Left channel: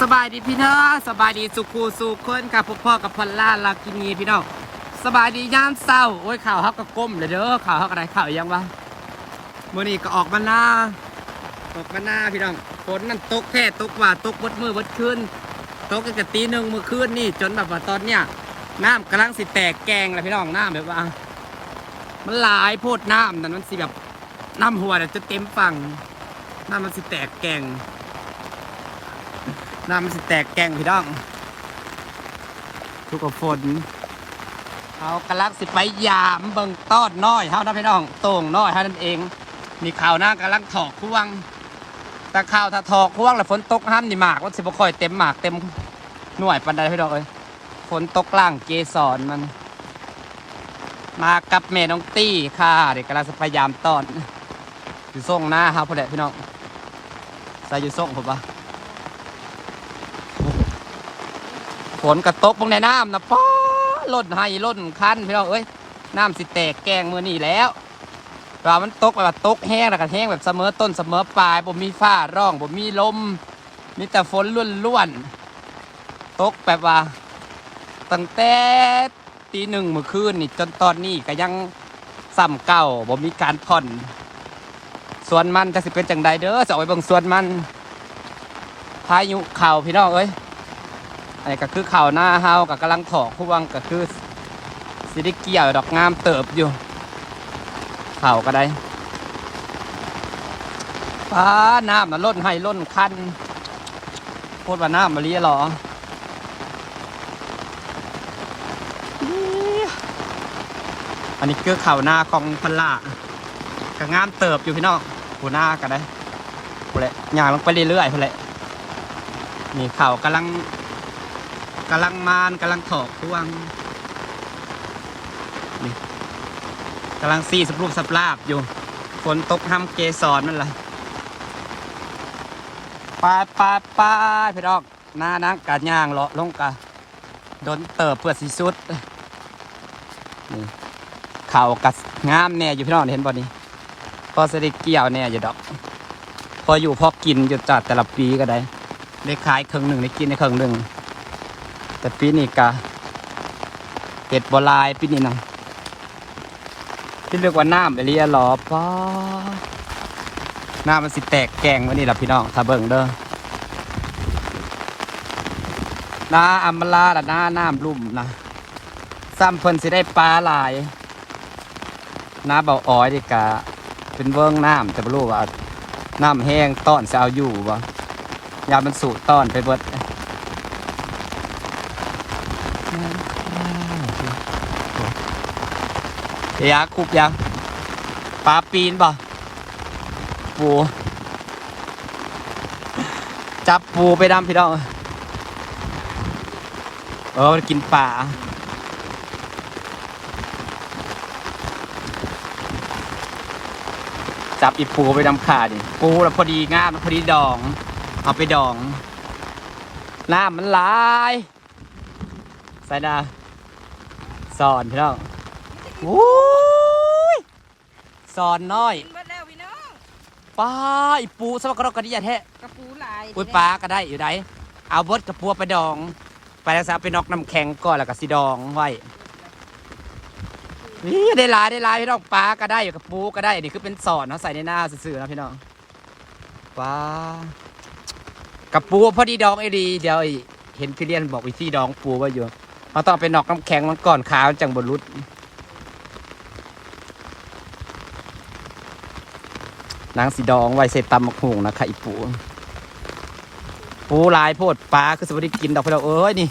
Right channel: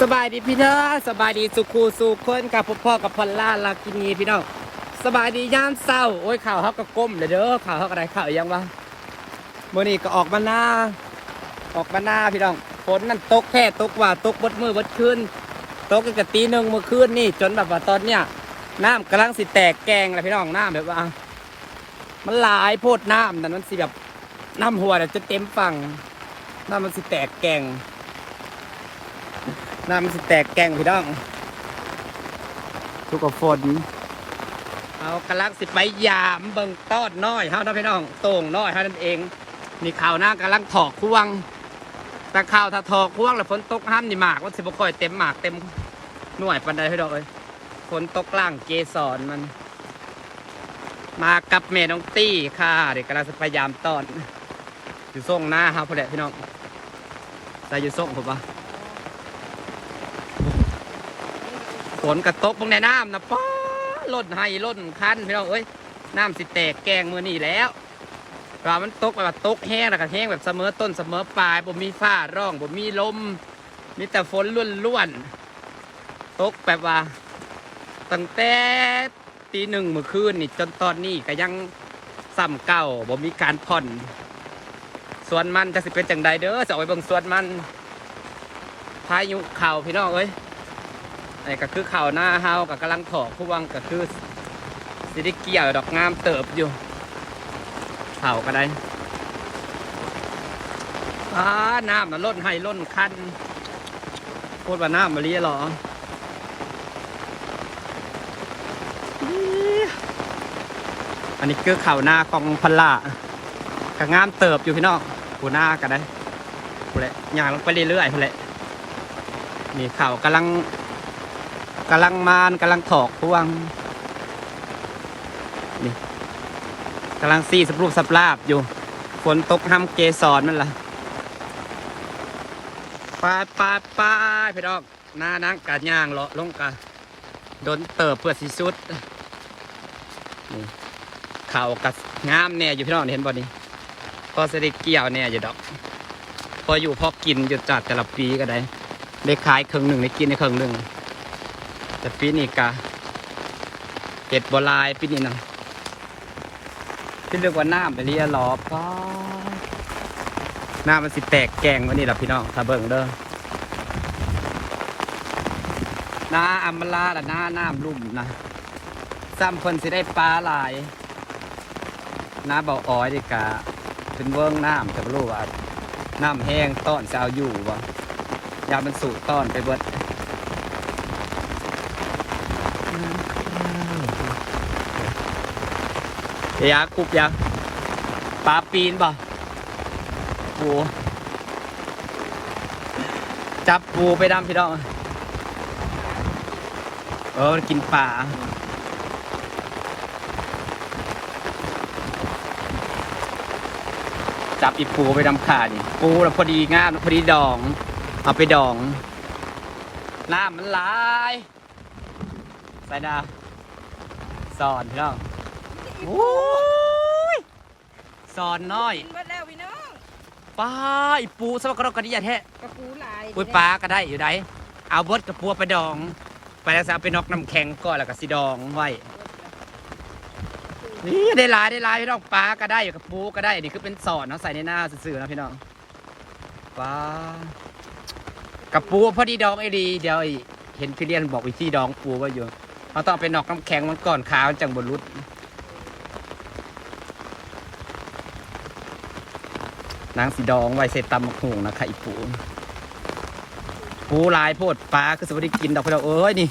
สบายดีพี่น้องสบายดีสุขูสุขคนกับพ่อพ่อกับพอลล่าลักกินีพี่น้องสบายดียามเศร้าโอ้ยข่าวฮักก็ก้มเลยเด้อข่าวฮักอะไรข่าวยังวะมื่อนี้ก็ออกมาหน้า ออกมาหน้าพี่น้องฝนนั่นตกแท้ตกว่าตกบดมือบดคืนตกตั้งแต่ตีหนึ่งเมื่อคืนนี่จนแบบว่าตอนเนี้ยน้ำกำลังสิแตกแกงเลยพี่น้องน้ำแบบว่า มันหลายโพดน้ำนั่นมันสิแบบน้ำหัวเนี่ยจะเต็มฝั่ง น้ำมันสิแตกแกงน้ำมันสิแตกแกงพี่น้องทุกกับฝนเอากระลักสิไปยามเบิ่งต้อนน้อยเฮานะพี่น้องโต่งน้อยเฮานั่นเอง มีข่าวหน้ากำลังถอกควงแต่ข่าวถ้าถอกควงแล้วฝนตกห้ามนี่หมากว่าสิบ่ค่อยเต็มหมากเต็มหน่วยปันใดพี่น้องเอ้ยฝนตกล่างเกสรมัน มากับแม่น้องตี้ค่ะเด็กกำลังจะพยายามต้อนอยู่ส่งหน้าครับพ่อแหละพี่น้อง ส่ยู่ส่งผมปะฝนกระตกบงในน้ำนะป้อล่นให้ล่นคันพี่น้องเอ้ยน้ำสิแตกแกงมือนี่แล้วเรามันตกแบบตกแห้งแล้วก็แห้งแบบเสมอต้นเสมอปลายผมมีฟ้าร่องผมมีลมมีแต่ฝนล้วนๆตกแบบว่าตั้งแต่ตีหนึ่งเมื่อคืนนี่จนตอนนี้ก็ยังซ้ำเก่าบ่มีการผ่อน วนมันจะสิเป็นจังใดเด้อจะเอาไปเบิ่งส่วนมัน พายุเข่าพี่น้องเอ้ยอันนี้ก็คือเข่าหน้าเฮากับกำลังถอกผู้วังก็คือสิได้เกี่ยวดอกงามเติบอยู่เข่าก็ได้ป้าน้ำน่ะล้นให้ล้นคันโคตรว่าน้ำมาเรียหรออันนี้คือเข่าหน้าของพันล่ากะงามเติบอยู่พี่น้อง หูหน้ากันได้หูแหละย่างลงไปเรื่อยๆหูแหละนี่เข่ากำลังกำลังมานกำลังถอกพวงนี่กำลังซีสับรูปสับลาบอยู่ ฝนตกห้ำเกสรมันละปาปาปาพี่น้องหน้านังกะย่างเลาะลงกะโดนเติบเพื่อสีสุดนี่เข่ากัดงามเนี่ยอยู่พี่น้องเห็นบ่นี่ พอเสด็เกี่ยวเนี่ยอยู่ดอก พออยู่พอกินอยู่จัดแต่ละปีก็ได้ ได้ขายครึ่งหนึ่งได้กินในครึ่งหนึ่งแต่ปีนี้กะเห็ดบัวลายปีนี้นะที่เรียกว่าน้ำอะไรอะหรอป้าน้ำมันสิแตกแกงวันนี้ล่ะพี่น้องถ้าเบิ่งเด้อน้าอัมมาลาดะน้าน้ำลุ่มนะซ้ำเพิ่นสิได้ปลาหลายน้ำเบาอ้อยดีกะ เป็นเวิ้งน้ำแต่ไม่รู้ว่าน้ำแห้งต้อนจะเอาอยู่วะยามันสูต้อนไปเบิดเดี๋ยวยาคุบยาปลาปีนบ่ปูจับปูไปดำพี่น้องเออมันกินปลา จับอีปูไปดำขาดิปูแล้วพอดีงามพอดีดอง เอาไปดอง น้ำมันหลายใส่ดาสอนพี่น้องโอ้ยสอนน้อยกินเบิดแล้วพี่น้องป้าอีปูสมัครกระดิ่งแท้กระปูหลายอุ้ยปลาก็ได้อยู่ไดเอาบดกับปัวไปดอง ไปแล้วจะเอาไปนอกน้ำแข็งก่อนแล้วก็สิดองไว้ นี่ได้หลายได้หลายพี่น้องปลาก็ได้อยู่กับปูก็ได้อันนี่คือเป็นสอนเนาะใส่ในหน้าสื่อๆนะพี่น้องปลากับปูพอดีดองไอ้ดีเดี๋ยวไอ้เห็นพี่เดียนบอกวิธีดองปูไว้อยู่เราต้องเอาไปนอกน้ำแข็งมันก่อนขาวจังบนรุดนางสีดองไว้เสร็จตำมะฮุงนะคะอีปู ปูหลายโพดปลาคือสวัสดีกินดอกพะเราเอ้ยนี่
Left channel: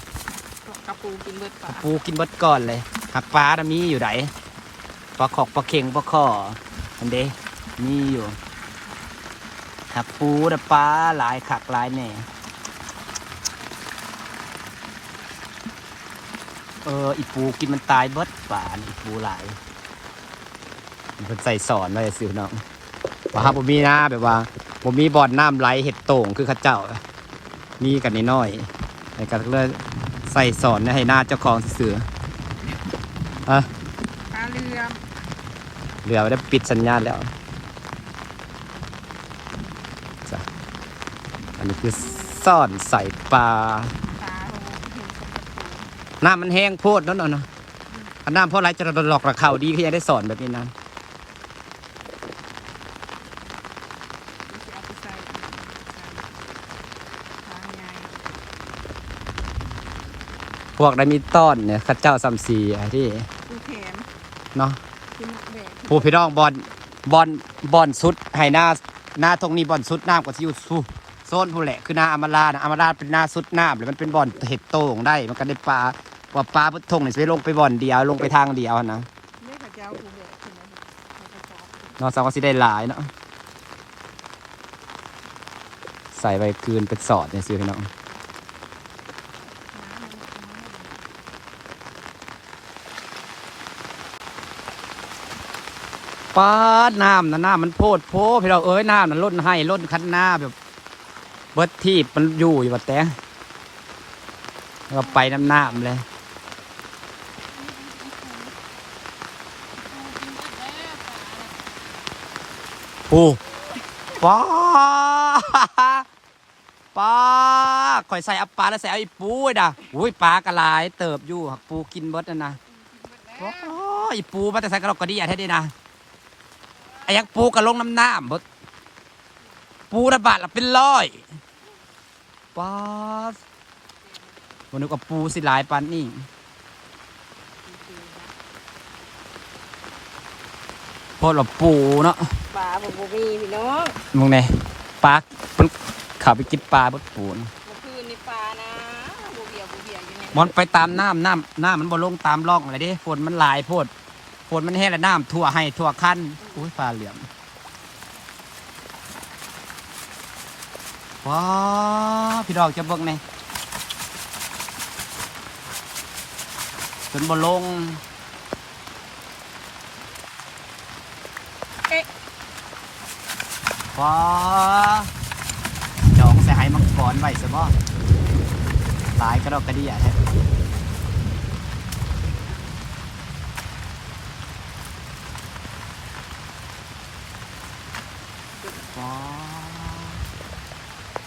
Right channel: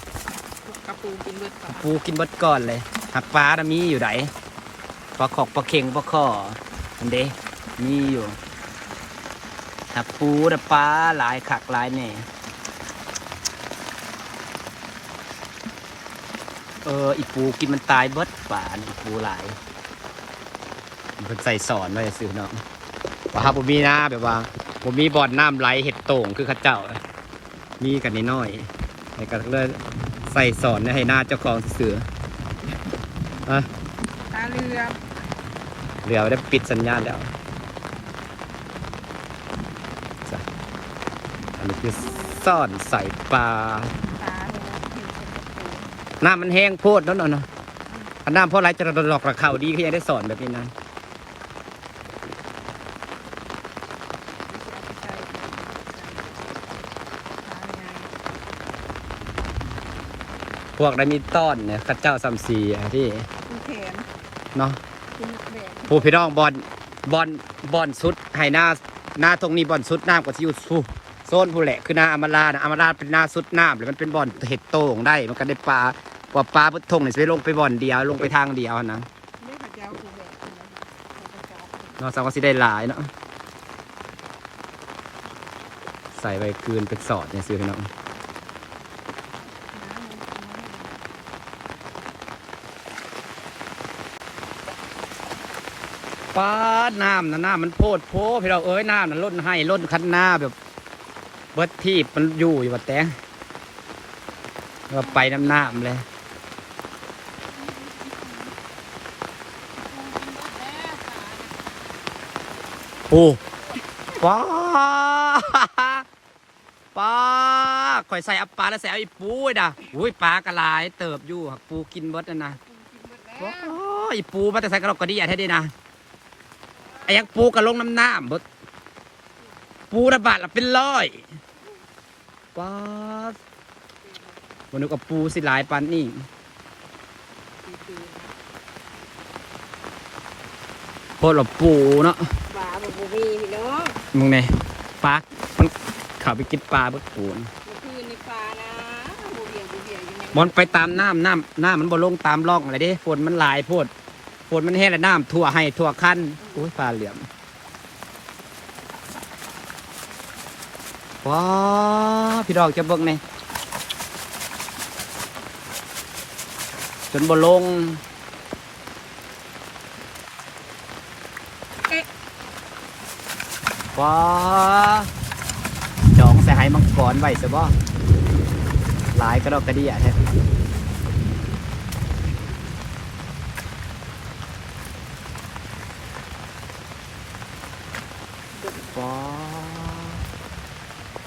กระปูกินเบิดค่ะปูกินเบดก่อนเลยหักปลานะมีอยู่ไหนป ลาขอกปลาเข่งปลาข้ออันเด้มีอยู่หักปูแต่ปลาหลายขักหลายแน่เอออีปูกินมันตายเบิดป่านอีปูหลายมันใส่สอนไว้สิน้องว่าครับผมมีนะแบบว่าผมมีบ่อนน้ำไหลเห็ดโต่งคือข้าเจ้า มีกันนิดหน่อยในการเลยใส่สอนให้หน้าเจ้าของเสืออะปลาเรือ เหลือได้ปิดสัญญาณแล้วจ้ะอันนี้คือซ่อนใส่ปลาปลาโหเห็นคนกระปูน้ำมันแห้งโพดนั่นน่ะนะอันน้ำเพราะไรจะหลอกระเข่าดีที่จะได้สอนแบบนี้นะที่เอาไปใส่ทางไงพวกได้มีต้อนเนี่ยสัตว์เจ้าซัมซีอะที่ปูแขนเนาะ ที่นักแบกผู้พี่น้องบอลบอลบอลสุดให้หน้าหน้าตรงนี้บอลสุดน้ำกว่าที่อยู่สู้โซนผู้แหละคือหน้าอมรานะอมราเป็นหน้าสุดน้ำเลยมันเป็นบอลเห็ดโต่งได้ มันก็ได้ปลาว่าปลาพุทธงเนี่ยจะไปลงไปบอลเดียวลงไปทางเดียวนะเลือกเจ้าปูแบกขึ้นาไปจอบเนอกจากว่าสิได้หลายเนาะใส่ใบเกลืนเป็นสอดเนี่ยสิพี่น้องน้นน้ำ ป้าดน้ำนะน้ำมันโพดโพพี่เราเอ้ยน้ำมันล้นให้ล้นคันหน้าแบบเบิดที่มันอยู่อยู่วัดแต่เราไปน้ำน้ำเลยโอ้ป้าป้าข่อยใส่อัปปลาแล้วใส่เอาอีปูไอ้ด่ะอุ้ยปลากระลายเติบอยู่หักปูกินเบิดนั่นนะปูกินหมดแล้วโอ้ยปูมาแต่ใส่กระดอกกระเดียแท้ดีนะไอ้ ยังปูกระลงน้ำน้ำบดปูระบาดละเป็นร้อยป๊าดวันนึกว่าปูสิหลายปันนี่ปีๆนะโพดว่าปูเนาะปลาแบบบูมีพี่น้องมึงไงปลามันเขับไปกินปลาเบิดปูนะเมื่อคืนในปลานะบูเบียบูเบียอยู่ในมันไปตามน้ำน้ำน้ำมันบ่ลงตามร่องอะไรเด้ฝนมันหลายโพด ฝนมันแห้งแล้วน้ำทั่วให้ทั่วคันอุ้ยปลาเหลี่ยมว้าพี่ดอกจะเบิ่งไงจนบ่ลงว้าจองใส่ไหมังกรไว้ซะบ่หลายกระดอกกระเดียแท้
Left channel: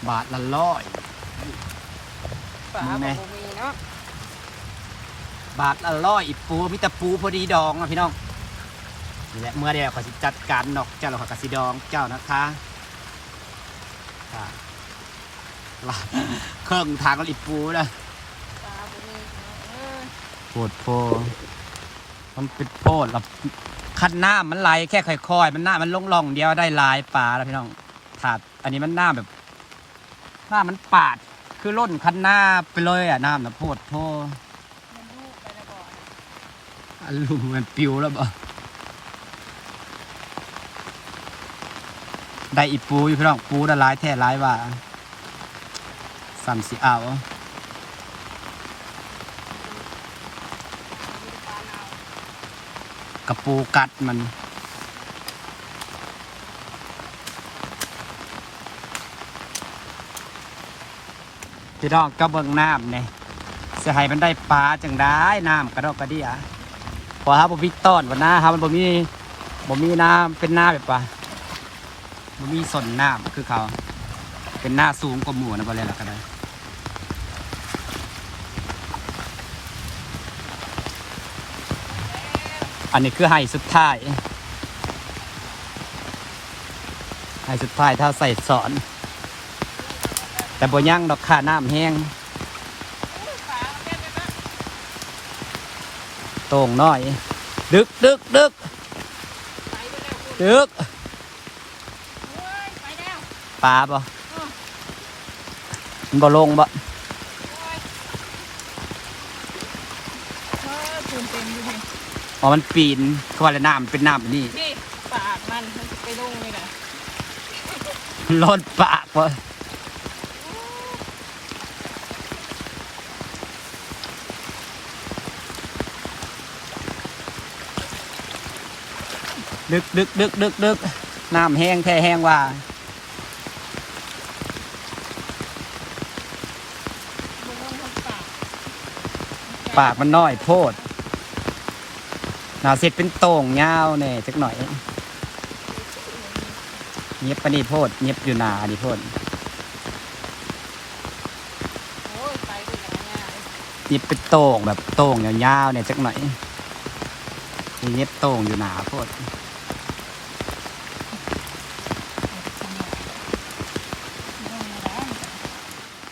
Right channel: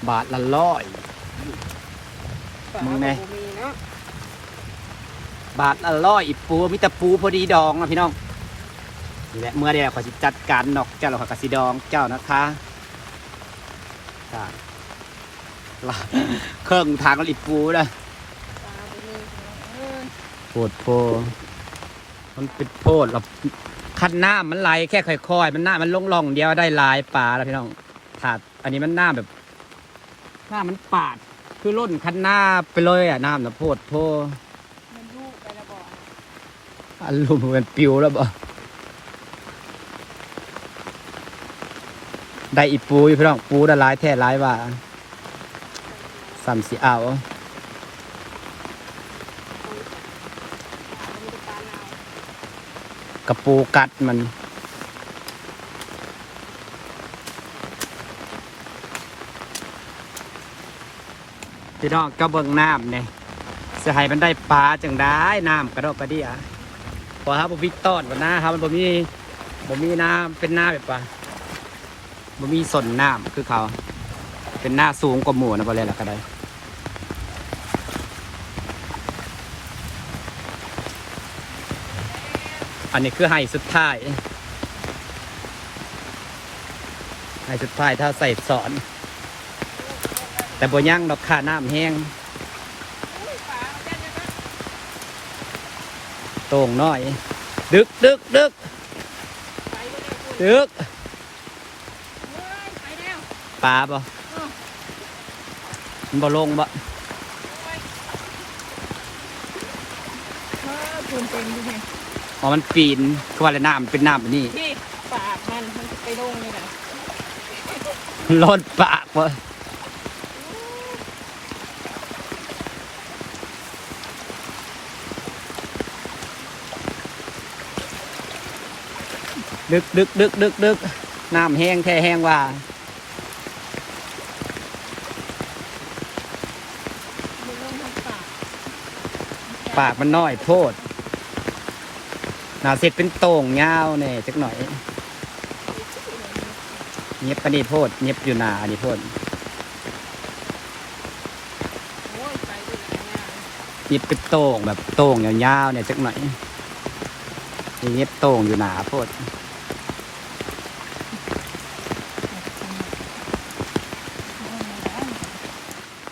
บาทละร้อยปลามึงไงบูมีเนาะบาทละร้อยอีปูมิตรปูพอดีดองนะพี่น้องนี่แหละเมื่อเดียวขอจัดการนอกเจ้าเราขอยกสิดองเจ้านะคะจ้าลาเครื่องทางล้วอีปูนะปลาบูมีพี่น้องเออโพดโพมันเป็นโพดเราคันหน้ามันไหลแค่ค่อยๆ มันหน้ามันลงล่องเดียวได้ลายปลาแล้วพี่น้องถาดอันนี้มันหน้าแบบ หน้ามันปาด คือล่นคันหน้าไปเลยอะน้ำนะโพดโพมันลูกไปและบ่อนอันลุมมันปิวแล้วบ่ได้อีปูอยู่พี่น้องปูได้หลายแท้หลายว่าสามสิเอาปลามีแต่ปลาเน่ากระปูกัดมัน พี่น้องก็เบิ่งน้ำเนี่ยเสียหายมันได้ปลาจังได้น้ำกระดกกระเดียพอครับผมพิต้อนวันหน้าครับมันบ่มีบ่มีน้ำเป็นหน้าแบบว่าบ่มีสนน้ำคือเขาเป็นหน้าสูงกว่าหมูนะบ่เลยล่ะก็ได้อันนี้คือไฮสุดท้ายไฮสุดท้ายถ้าใส่สอน แต่บ่ย่างดอกขาน้ำแห้งโต่งน้อย ดึกดึกดึกดึกปลาบ่มันบ่ลงบ่ปูนเต็มอยู่เห็นอ๋อมันปีนก็ว่าแล้วน้ำเป็นน้ำแบบนี้นี่ปากมันมันไปลงเลยนะรดปากบ่ ดึกดึกดึกดึกดึกน้ำแห้งแท้แห้งว่าปากมันน้อยโพดหนาเสร็จเป็นโต่งยาวเนี่ยจักหน่อยเงียบปนีโพดเงียบอยู่นานี่โพดติบเป็นโต่งแบบโต่งยาวๆเนี่ยสักหน่อยเงียบโต่งอยู่หนาโพด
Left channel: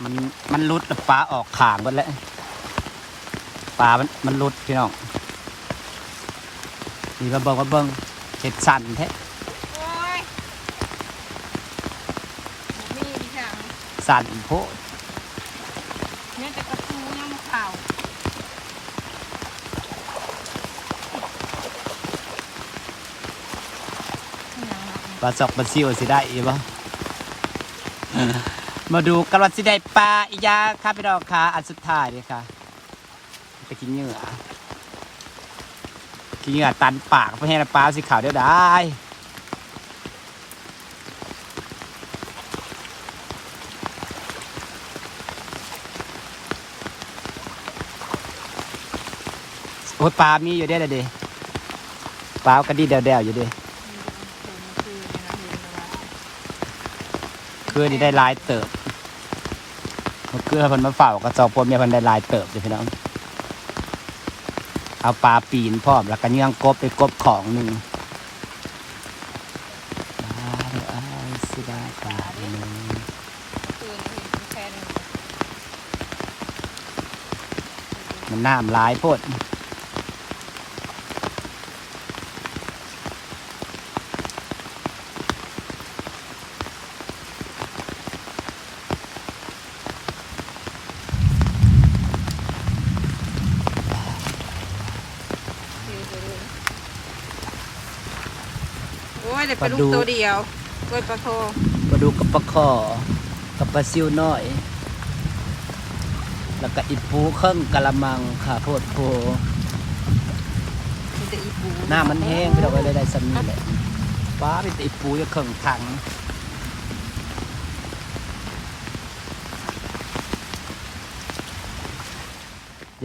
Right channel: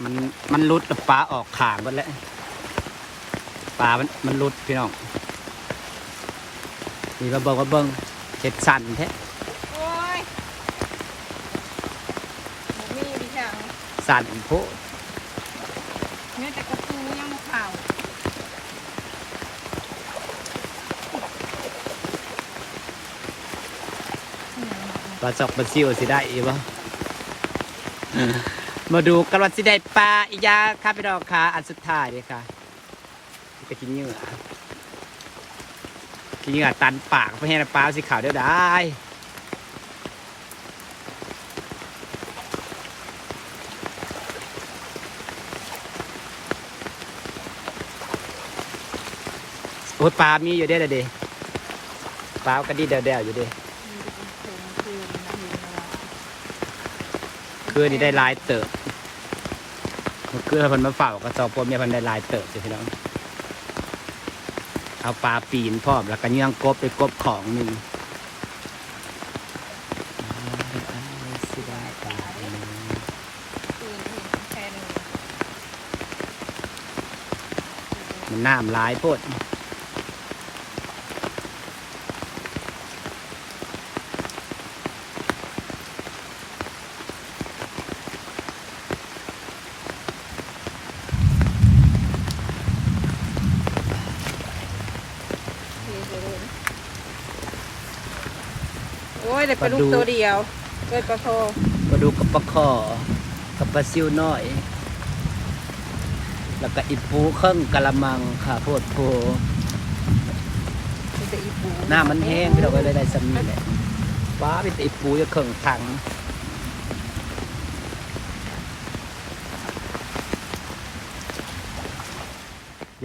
มันมันรุดแล้วปลาออกขางหมดแล้วปลามันมันรุดพี่น้องนี่เราบอกว่าเบิ้งเห็ดสั่นแท้โอ้ยบ่มีดิฉันสั่นโพดเนี่ยจะกระปูยังข่าวเนี่ยนะปลาสอกปลาซิวสิได้อีกบ่ มาดูกันว่าสิได้ปลาอีกอยางครับพี่น้องค่ะอันสุดท้ายนี่ค่ะ ไปกินเหงื่อกินเหงื่อตันปากเพื่อให้ปลาสีขาวเดียวได้โอ้ยปลามีอยู่เด้อเด้อปลากระดิ่เดวๆอยู่เด้มีแต่ผมคืนนะเห็นไหมล่ะคืนนี้ได้หลายเติบ เมื่อคืนเพิ่นมาเฝ้ากระจอกพวกเมียเพิ่นได้ลายเติบอยู่พี่น้องเอาปลาปีนพร้อมแล้วก็เยื่องกบไปกบของหนึ่งสิได้ปลาหนึ่งมันน้ำลายโพด โอ้ยแต่ปลาลูกตัวเดียวเกิดปลาโทมาดูกับปลาคอกับปลาซิวน้อย แล้วก็อีปูเครื่องกะละมังค่ะโพดโพมีแต่อีปูหน้ามันแห้งพี่เราก็เลยได้สำนีแหละป้าเป็นอีปูจะเครื่องถัง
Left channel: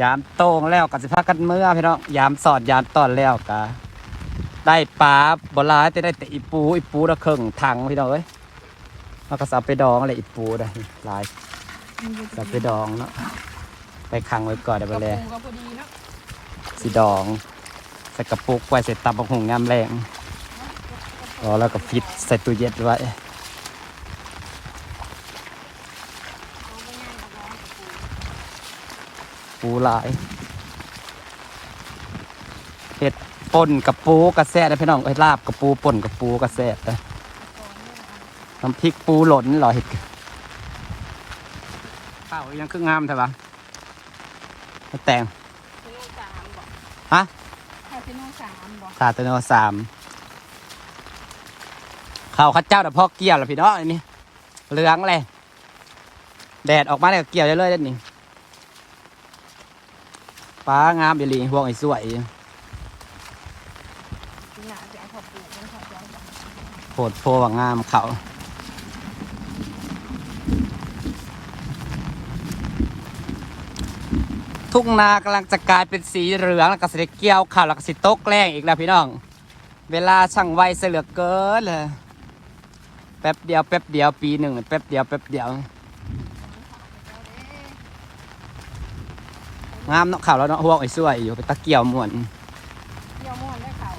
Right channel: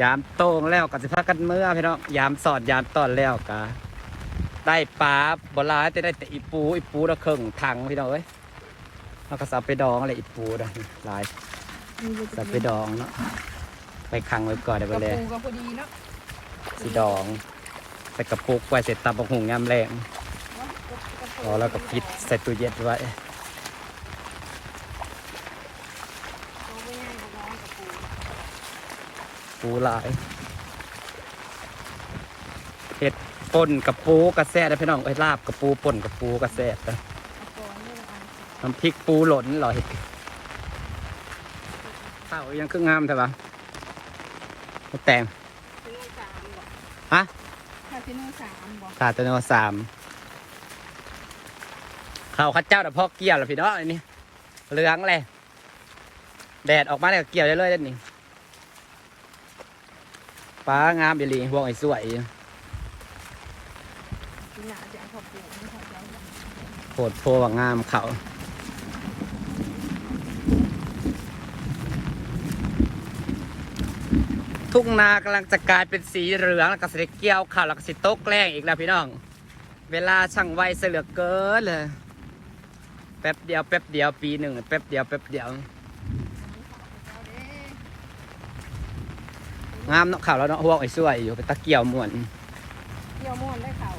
ยามโต้งแล้วกับสิพากันเมื่อพี่น้องยามสอดยามตอนแล้วกะ ได้ปลาบหลายแต่ได้แต่อีปูอีปูละเครื่องถังพี่น้องเอ้ยเราก็สับไปดองอะไรอีปูนะหลายสับไปดองเนาะไปขังไว้ก่อนเดี๋ยวกไประเลยปูก็พอดีเนาะสีดองใส่กระปุกไว้ใส่ตับกหุงงามแรงพอแล้วก็ฟิตใส่ตู้เย็นไว้เอาไปง่ายกว่าน้องกระปูปูหลายเห็ด ป่นกับปูกระแซ่นะพี่น้องเอ้ยลาบกับปูป่นกับปูกระแซ่นะก่อนนี่เอาน้ำพริกปูหล่นเหรอเห็ดข้าวยังคืองามใช่ปะมะแตงซิโน่สามบอกฮะถ้าซิโน่สามบอกขาดตัวโนสามข้าวข้าเจ้าแต่พ่อเกี่ยวแล้วพี่น้องอันนี้เหลืองเลยแดดออกมาเนี่ยเกี่ยวได้เลยเด้านนี่ป้างามอีหลีห่วงไอ้สวย โหนาจะเอาขอบปูไม่ขอบใจโผดโพว่างามเขาทุ่งนากำลังจะกลายเป็นสีเหลืองแล้วก็สีเกี่ยวขาวแล้วก็สีตกแรงอีกแล้วพี่น้อง เวลาช่างไวเสียเหลือเกินเลยแป๊บเดียวแป๊บเดียวปีหนึ่งแป๊บเดียวแป๊บเดียว งามเนาะข่าวแล้วเนาะห่วงไอ้สวยอยู่ไปตะเกียวม่วนเยี่ยวม่วนได้ข่าว